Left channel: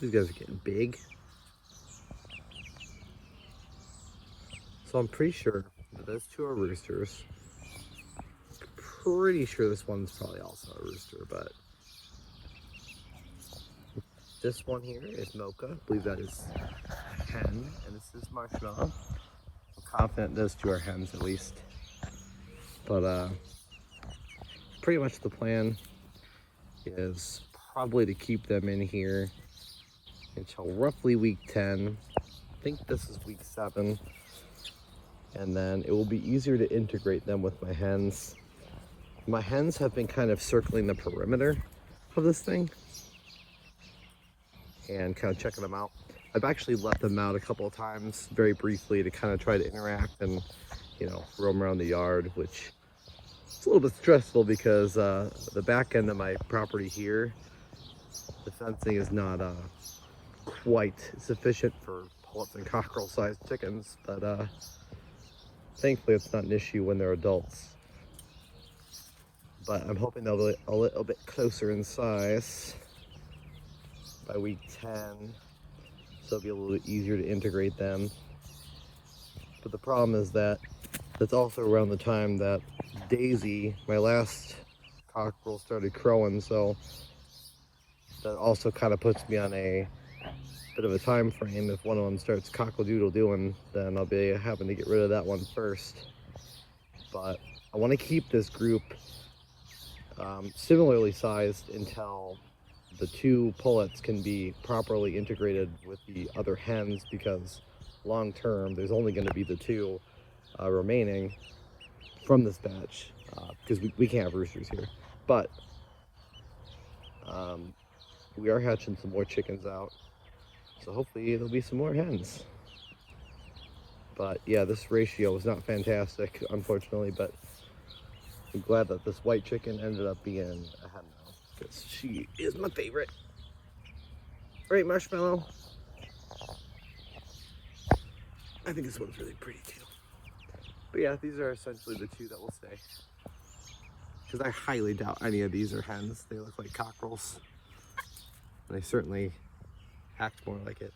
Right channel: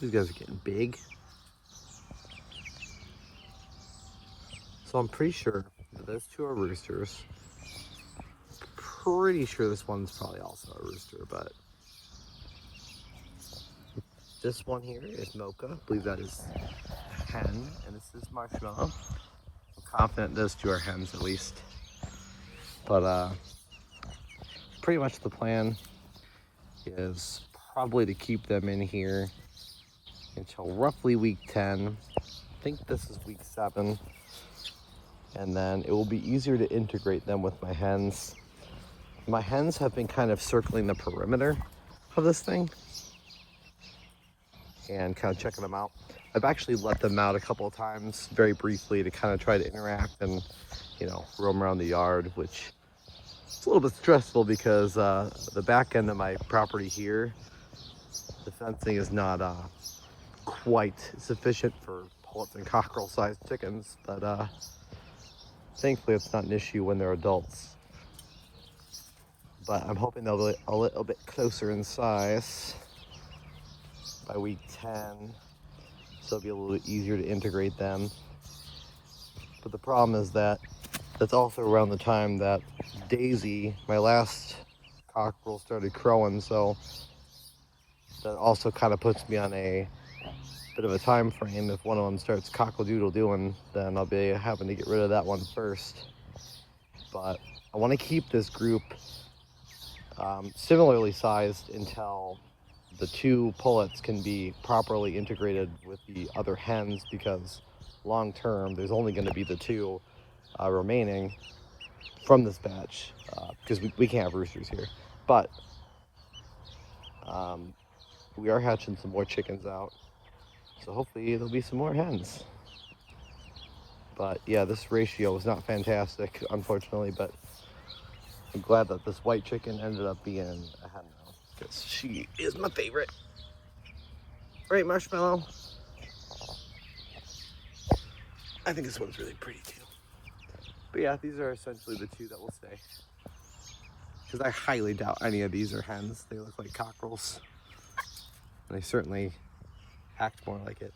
These guys are getting big. So I'm pretty sure that those two are roosters. Pretty sure this one's probably also a rooster, but this one here is Mocha. I believe that is a hen, and this is Marshmallow. I'm confident those two are hens at least. But pretty much the plan is probably to keep them in here until roughly week 10. I think this is week 7. And then it will be easier to integrate them with my hens. My hens have been kind of circling the perimeter of this thing and kind of checking them out. I've actually let them out a couple of times very briefly to kind of try to interact and, you know, roam around the yard, which is a little bit stressful because the back end of my property here, the fencing is not quite sufficient for pullets and cockerel sized chickens, but thankfully it's not an issue when they're adults. But I'm hoping they'll be a little bit closer in size by week 10, so it'll be a little bit easier to integrate them. But the problem is that that's also around the time that Daisy, my last cockerel, started crowing, so that also kind of puts me on a bit of a time frame. If one of them starts cockle-doodle-doing, then I'll be having to get rid of that one first. But I want to keep this group similarly sized until the two pullets can be properly integrated with the other hens, because long term there's only going to be the two remaining from this batch, because we can't have roosters here. But we are hatching some more chickens out, so hopefully there'll be some more hens. But yeah, this ratio was not fantastic, unfortunately, but I'm glad that this white chicken ended up being a hen now, because she is my favorite. Right, Marshmallow? I think this one's really pretty too. But yeah, these are essentially the two that will stay, because I highly doubt any of these are hens. They look like cockerels. They certainly act more like it.